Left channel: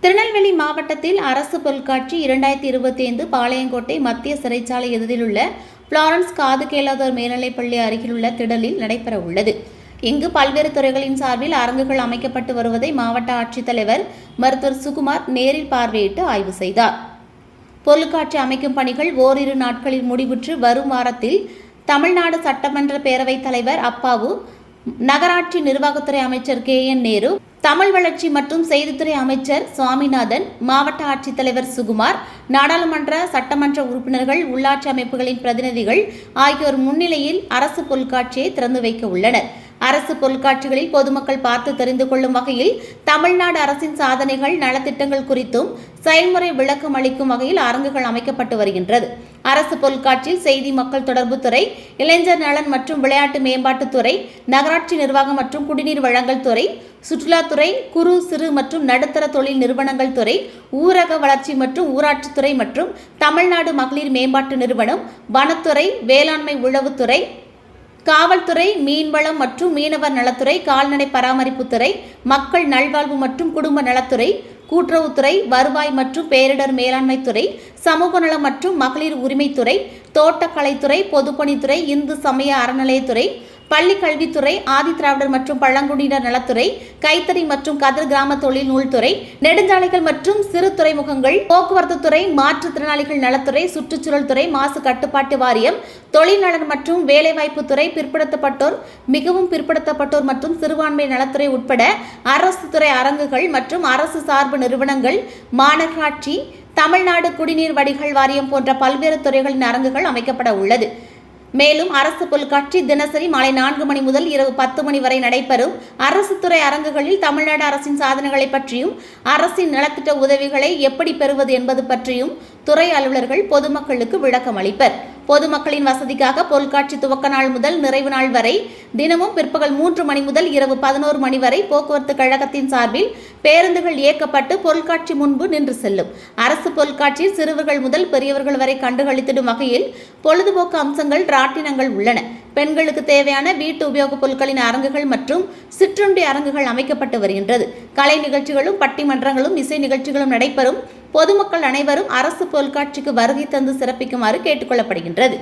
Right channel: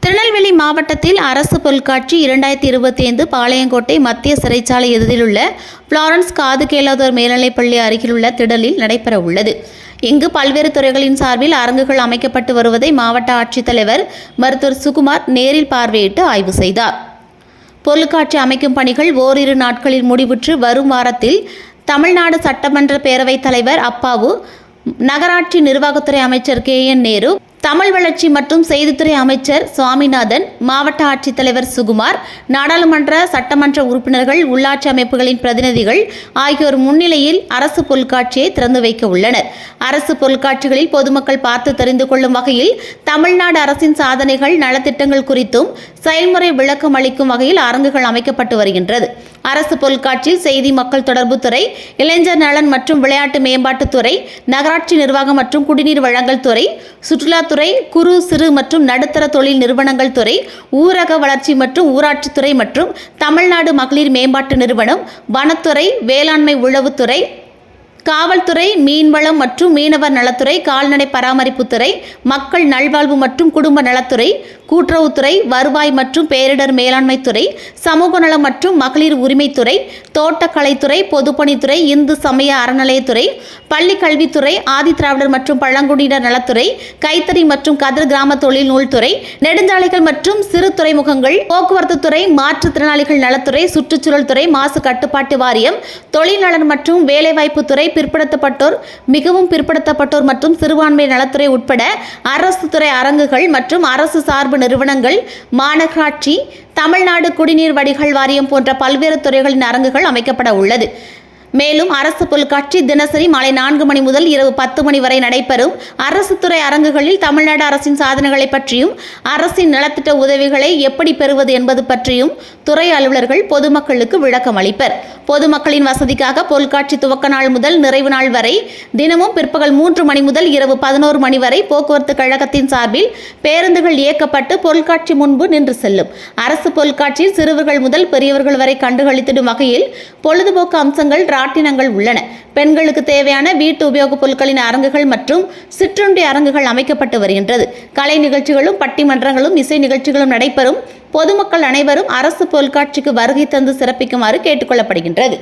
திருநெல்வேலி மாவட்டத்தில் அரசு பொருட்காட்சி இரண்டாயிரத்தி இருபத்தி ஐந்து பாளையங்கோட்டை மத்திய சிறைச்சாலை எதிரிலுள்ள உள்ள காது கேளாதோர் மேல்நிலைப்பள்ளி அருகிலுள்ள திடலில் நடைபெற உள்ளது இங்கு பல்வேறு துறைகளின் சார்பில் அரங்குகள் அமைக்கப்பட்டு வருவதை மாவட்ட ஆட்சித்தலைவர் மருத்துவர் சுகுமார் நேரில் பார்வையிட்டு ஆய்வு செய்தார். பொருட்காட்சி அமைக்கும் பணிகள் ஓரிரு நாட்களில் முடிவுற்று வரும் வாரத்தில் தமிழ்நாடு சட்டமன்ற பேரவைத் தலைவர் அப்பாவு நகராட்சி நிர்வாகத்துறை அமைச்சர் கே என் நேரு தமிழ் வளர்ச்சி மற்றும் செய்தித்துறை அமைச்சர் சுவாமிநாதன் மாவட்ட ஆட்சித்தலைவர் சுகுமார் நாடாளுமன்ற சட்டமன்ற உறுப்பினர்கள் உள்ளாட்சி அமைப்புகளின் பிரதிநிதிகள் ஆகியோர் முன்னிலையில் அரசு பொருட்காட்சியை திறந்து வைக்க உள்ளனர். அரசு பொருட்காட்சிகளில் பொதுமக்கள் பார்த்து தெரிந்து கொள்ளும் வகையில் தமிழ்நாடு அரசின் சாதனைகள் நலத்திட்டங்கள் குறித்தும் செயல்முறை விளக்கம் அளிக்கும் வகையில் அரங்குகள் அமைக்கப்பட்டு வருகின்றது. அரசு பொருட்காட்சியில் செய்தி மக்கள் தொடர்பு துறை இளைஞர் நலன் மற்றும் விளையாட்டு மேம்பாட்டுத்துறை நகராட்சி நிர்வாகம் மற்றும் குடிநீர் வழங்கல் துறை சுற்றுலாத்துறை குறு சிறு மற்றும் நடுத்தர தொழில் நிறுவனங்கள் துறை ஊரக வளர்ச்சி மற்றும் ஊராட்சித்துறை மற்றும் தமிழ்நாடு மகளிர் மேம்பாட்டு நிறுவனம் வனத்துறை வேளாண்மை உழவுத்துறை காவல்துறை மீன்வளம் மற்றும் மீனவர் நலத்துறை கால்நடை பராமரிப்புத்துறை மக்கள் நல்வாழ்வு மற்றும் குடும்ப நலத்துறை கூட்டுறவுத்துறை வருவாய் மற்றும் பேரிடர் மேலாண்மை துறை சமூக நலம் மற்றும் மகளிர் உரிமைத்துறை தோட்டக்கலைத்துறை பொதுப்பணித்துறை இந்து சமய அறநிலையத்துறை பள்ளி கல்வித்துறை ஆதிதிராவிடர் மற்றும் பழங்குடியினர் நலத்துறை கைத்தறி மற்றும் கதர் கிராம தொழில் நூல்துறை நெடுஞ்சாலைகள் மற்றும் சிறு துறைமுகங்கள் போக்குவரத்து துறை மாற்றுத்திறனாளிகள் நலத்துறை சுற்றுச்சூழல் துறை மாசு கட்டுப்பாட்டு வாரியம் தொழிலாளர் மற்றும் வேலைவாய்ப்பு துறை பிற்படுத்தப்பட்டோர் மிகவும் பிற்படுத்தப்பட்டோர் மற்றும் சிறுபான்மை நலத்துறை உட்பட அரசு துறை அரங்குகள் மற்றும் அரசு சார்பு நிறுவனங்கள் மாநகராட்சி தமிழ்நாடு குடிநீர் வடிகால் வாரியம் போன்ற பல்வேறு துறைகளின் அரங்குகள் அமைக்கப்பட உள்ளது. மேலும் அரசு பொருட்காட்சி தினசரி மாலை நான்கு மணி முதல் இரவு பத்து மணி வரை நடைபெறும் அரசு துறை அரங்குகளில் தமிழ்நாடு அரசின் சாதனைகளை பற்றியும் அரசின் நலத்திட்ட உதவிகளை எப்படி பெறுவது என்பது பற்றியும் துறை அலுவலர்கள் பொதுமக்களுக்கு விளக்கம் அளிப்பர் பொதுமக்களின் வசதிக்காக பொருட்காட்சி துவக்க நாள் முதல் நிறைவு நாள் வரை தினமும் பிற்பகல் மூன்று மணி முதல் இரவு பதினோரு மணி வரை போக்குவரத்து கழகத்தின் சார்பில் பேருந்துகள் இயக்கப்பட்டு பொருட்காட்சி முன்பு நின்று செல்லும். அரசு பொருட்காட்சியில் சிறுவர்கள் முதல் பெரியவர்கள் வரை கண்டுகளித்திடும் வகையில் பொழுதுபோக்கு அம்சங்கள் ராட்டினங்கள் உள்ளன. பெண்களுக்கு தேவையான வீட்டு உபயோகப் பொருட்களின் அரங்குகள் மற்றும் சிற்றுண்டி அரங்குகள் அமைக்கப்பட்டு வருகின்றது. கலை நிகழ்ச்சிகளும் பட்டிமன்றங்களும் இசை நிகழ்ச்சிகளும் நடைபெறும். பொதுமக்கள் அனைவரும் அரசு பொருட்காட்சிக்கு வருகை தந்து சிறப்பிக்குமாறு கேட்டுக்கொள்ளப்படுகின்றது